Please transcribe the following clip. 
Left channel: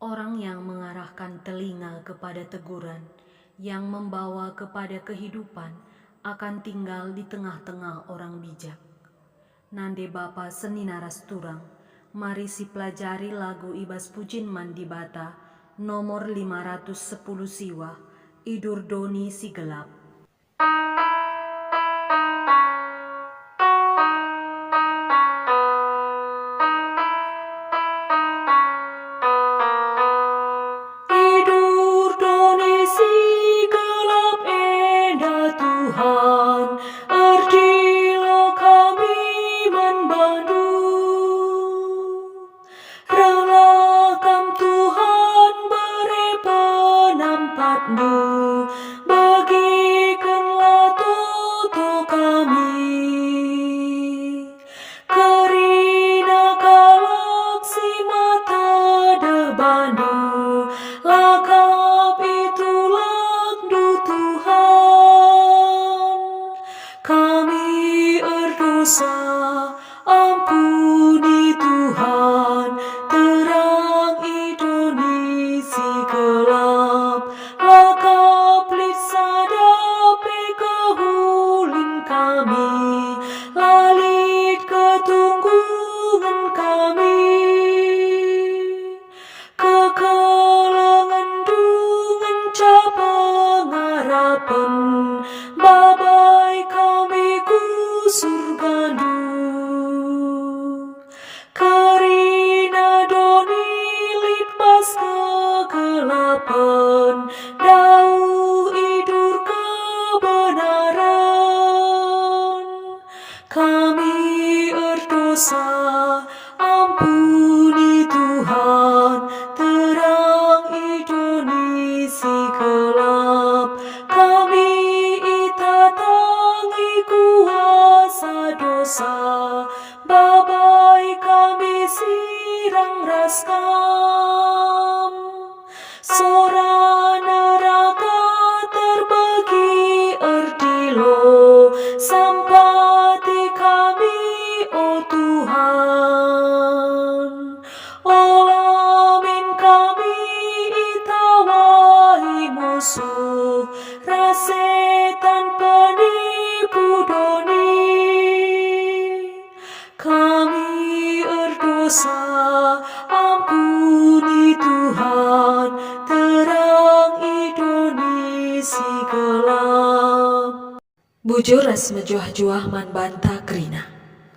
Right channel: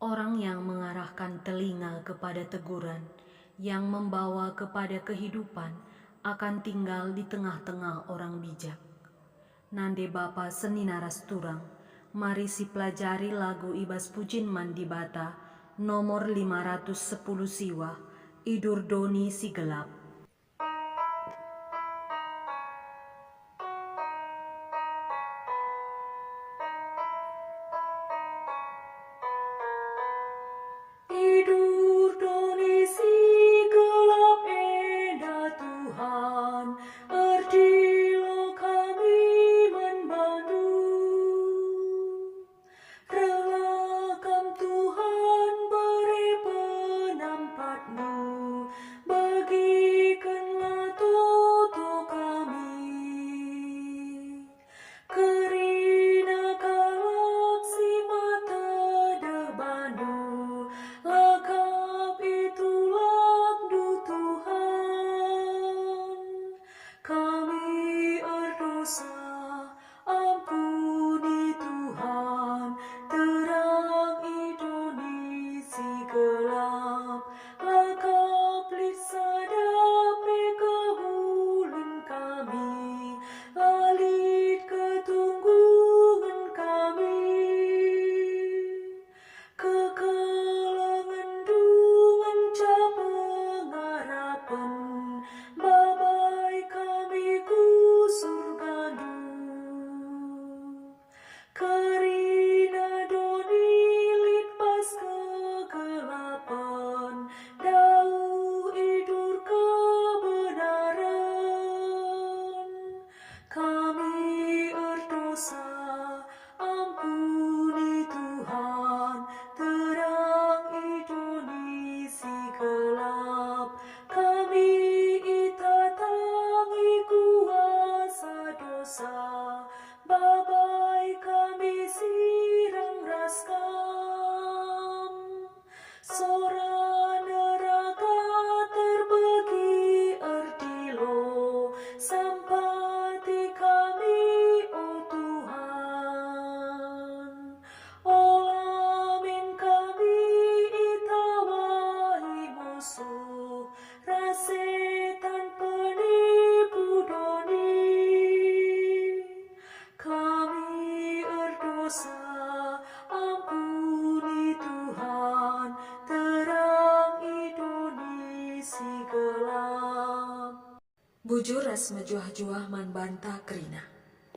Orang yang mengarahkan telinga kepada teguran, yang membawa kepada kehidupan, akan tinggal di tengah-tengah orang bijak. Nande Bapa seni naras turang, mari si pelajari lagu Ibas Pujin Mandibata, nomor 510 siwa, Idur Doni si gelap. Idur Doni si gelap enda Tuhan, erdilo kami membantu. Relakan Tuhan beri penampatmu, bagikanlah toto kami. Kerina galaksi mata debandu, lakap itulah du Tuhan. Kami berdosa, ampuni Tuhan, terang Indonesia gelap, lakap lit sadapi kehulin kami, lalit ketunggungan kami. Kekelangan dungan capa ngarapan, babai kami ku surgandu. Kerina doni lit pas kegelapan, dauh idur kebenaran. Kami berdosa, ampuni Tuhan, terang Indonesia gelap. Kami itatangi kuasa dosa, babai kami sirang raskam. Sora neraka terbagi erdilo, sampati kami oh Tuhan. Olamin kami itawahi musuh, rasetan penipu doni. Kami berdosa, ampuni Tuhan, terang Indonesia gelap. Bujur ras mejuah-juah man banta kerina.